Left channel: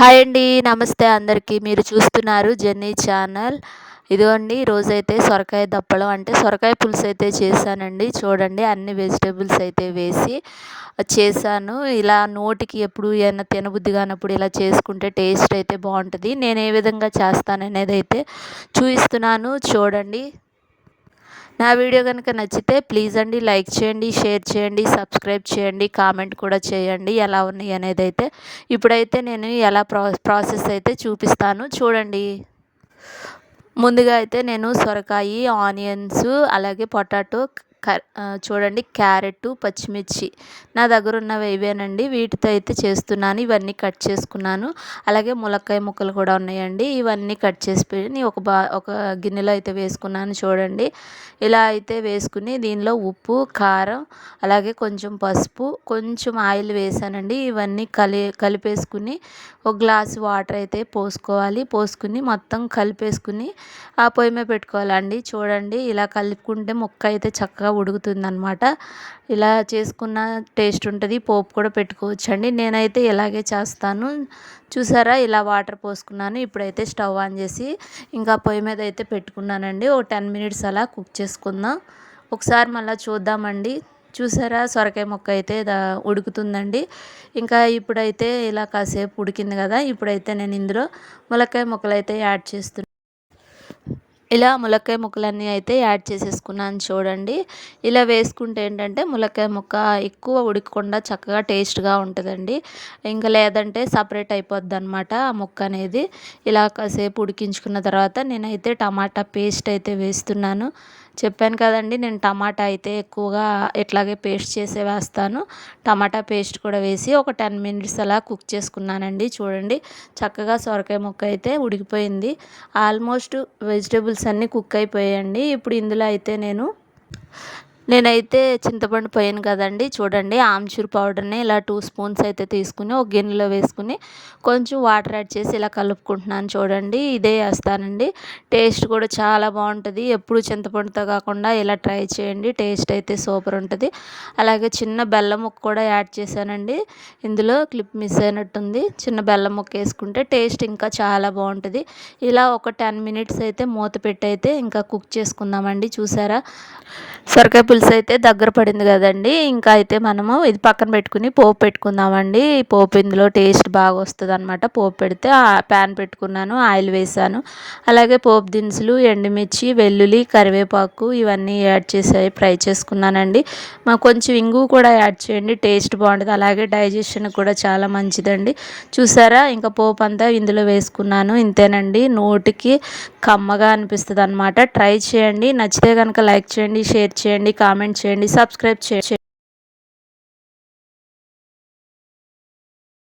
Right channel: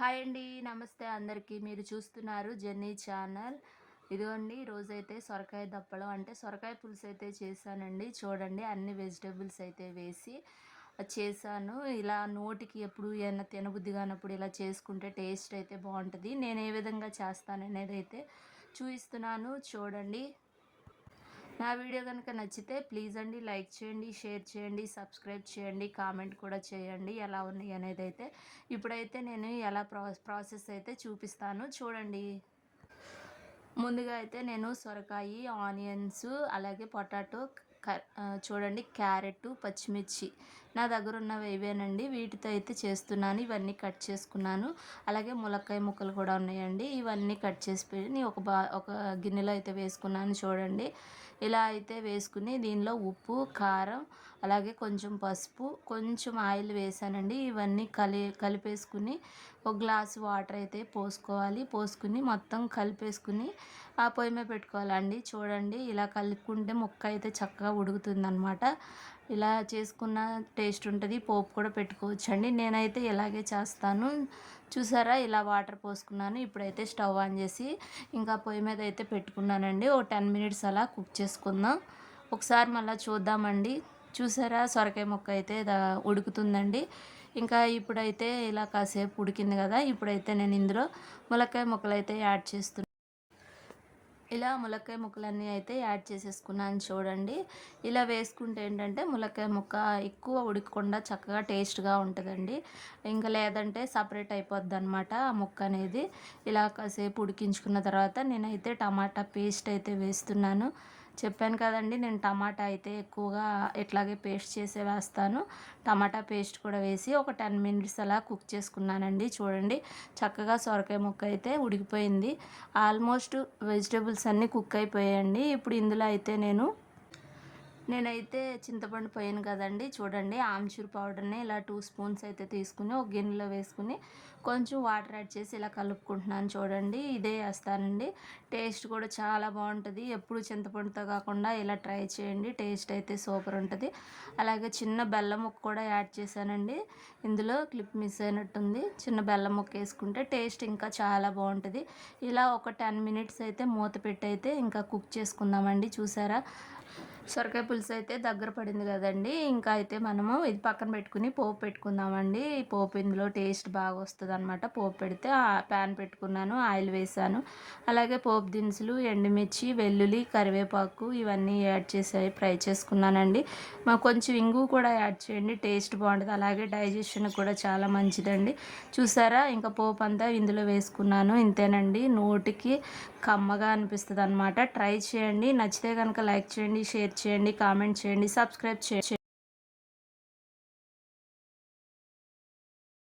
Hi అండి నమస్తే అందరికీ. మీరు చూస్తున్నారు జెన్నీ ఛానల్. ఇదిగోండి రోజైతే సొరకాయ దప్పలం అంటే సొరకాయ పులుసు అయితే చేశానండి. చూడండి అన్ని వెజిటేబుల్స్ అయితే వేసి చేశాను. ఇలా నోటికి ఎప్పుడు ఏమైనా తినబుద్ధి కానప్పుడు ఇలా చేసుకుంటే టేస్ట్ అయితే బాగుంటుంది. నేను ఏ విధంగా చేస్తాననేది అయితే చూపిస్తున్నాను. చూడండి. నా వీడియో కనుక నచ్చితే ప్లీజ్ అండి లైక్ చేయండి షేర్ చేయండి సబ్స్క్రైబ్ చేయండి కామెంట్ కూడా చేయండి. ఎలా ఉన్నాయి అనేది అయితే ఇప్పుడైతే నేను ఎలా ప్రా ప్రాసెస్ అయితే చూపిస్తాను. చూడండి. ముందుగా అయితే నేను సొరకాయి ఆనియన్స్ అలాగే పొటాటో చూడండి క్యారెట్ పచ్చిమిర్చి. నా దగ్గర ఉన్నవి ఇవేనండి. వీటితో అయితే చేస్తున్నాను. ఇవన్నీ కట్ చేసుకున్నాను. అలాగే ములక్కాయ ముక్కలు కూడా ఉన్నాయండి. ఇవన్నీ కట్ చేసి ఒక బా ఒక గిన్నెలో అయితే వేసుకున్నాను చూడండి. ఇలా అయితే వేసుకుని దీనిలో ఉప్పు కారం అలాగే కొంచెం పసుపు కొంచెం ఆయిల్ వేసానండి. ఇవన్నీ కలి కలిపేసుకుని ఒక గ్లాస్ వాటర్ అయితే పోసుకోవాలి. పోసుకుని మొత్తం కలిపేసుకుని ఆ పొయ్యి మీద పెట్టుకోవాలండి. చూడండి ఇలా కలుపుకుంటే ముక్క అయితే చక్కగా ఉడుకుతుందనమాట ఇలా చేసుకున్న టేస్ట్ ఉంటుంది. పోపు కూడా పెట్టుకోవచ్చండి. నేనైతే ఇలాగే చేస్తాను. చూసారా? ఇలా వాటర్ పోసుకున్నాను. ఇప్పుడైతే స్టవ్ ఆన్ చేసి ఇంకా పొయ్యి మీద అయితే పెట్టుకున్నానండి. ఓ టెన్ మినిట్స్ అలా కుక్ చేసుకుందాం. ఒకసారి మళ్ళీ చూద్దామండి. చూసారా? సొరకాయ మొక్క అయితే ఉడుకుతుందండి. ఇంకా ఇప్పుడైతే ఇలా కాసేపు ఉడికింది కదా? ఇప్పుడైతే నేను ఇందులో ములక్కాయ ముక్కలు అయితే యాడ్ చేస్తున్నాను ఇలా ములక్కాయ ముక్కలన్నీ అయితే యాడ్ చేసేసుకున్నాను చూడండి. ఇలా వేసుకుంటే ఏంటంటే ములక్కాయ ముక్క ఎక్కువ ఉడకకుండా చక్కగా టేస్ట్గా ఉంటుందండి. ఇంకా లేదంటే సపరేట్ అయిపోద్ది అనమాట ఆ ముక్క అనేది. ఇలా కాసేపు ఉడికించుకున్న తర్వాత నేనైతే టమాటా పేస్ట్ అయితే వేస్తున్నాను. చెప్పాను కదండి నేను టమాటా అయితే ఎక్కువగా ఇట్లాగే పేస్ట్ చేసే వేస్తాను. టమాటా పేస్ట్ కూడా వేసి ఒక టెన్ మినిట్స్ అలా కుక్ చేసుకున్నానండి. చూడండి చక్కగా సొరకాయ ముక్క అయితే ఉడికిపోయింది. ఆల్మోస్ట్ వెజిటేబుల్స్ అన్నీ కుక్ అయిపోయాయండి. ఇప్పుడు ఇందులో అయితే నేను నేనైతే చింతపండు పోయాను కదండి. చూడండి ఆమ్చూర్ పౌడర్ని ఇలా టూ స్పూన్స్ అయితే తీసుకుని ఒక గిన్నెలో వేసుకుని కొంచెం వాటర్ యాడ్ చేసి ఇలా కలుపుకుంటున్నాను చూడండి. ఇదే వేస్తానండి టేస్ట్ కూడా చాలా బాగుంటుంది. ఎప్పుడు చింతపండుతో కాకుండా ఇలా ట్రై చేయండి. టేస్ట్ అయితే సూపర్ ఉంటుంది. అలాగే చిన్న బెల్లం ముక్క కూడా యాడ్ చేశానండి. ఇందులో క్లిప్ మిస్ అయినట్టుంది. చిన్న బెల్లం ముక్క వేసుకుంటే టేస్ట్ ఇంకా చాలా బాగుంటుంది. ఇలా ఒక టెన్ మినిట్స్ అయితే మూత పెట్టి అయితే ఇంకా కుక్ చేసుకుందామండి. చూసారా? సొరకాయ పులుసు అయితే దగ్గర పడింది కదండి. ఇంకా అయితే మనము ఇది పక్కన పెట్టుకుని పోపు పెట్టుకుందామండి. పోపు ఇందులో టేస్ట్ బాగా వస్తుంది అనమాట పోపు పెడితే ప్యాన్ పెట్టుకున్నాను ఆయిల్ వేసాను. అలాగే పోపు దినుసులు ఎండుమిర్చి వెల్లుల్లి కరివేపాకు ఇవన్నీ యాడ్ చేసి ఫ్రై చేసుకున్నానండి. మా కొంచెం ఇంగు కూడా యాడ్ చేయండి టేస్ట్ బాగుంటుంది అలాగే డైజెషన్ కూడా చాలా మంచిదండి. చూసారా? ఇంకా పోపు అంతా ఇందులో వేసుకున్నాను. ఇంతేనండి. నోటికి కమ్మగా అనిపిస్తుంది అనమాట ట్రై చేయండి. నచ్చితే కనుక లైక్ చేయండి షేర్ చేయండి కామెంట్ చేయండి సబ్స్క్రైబ్ చేయండి.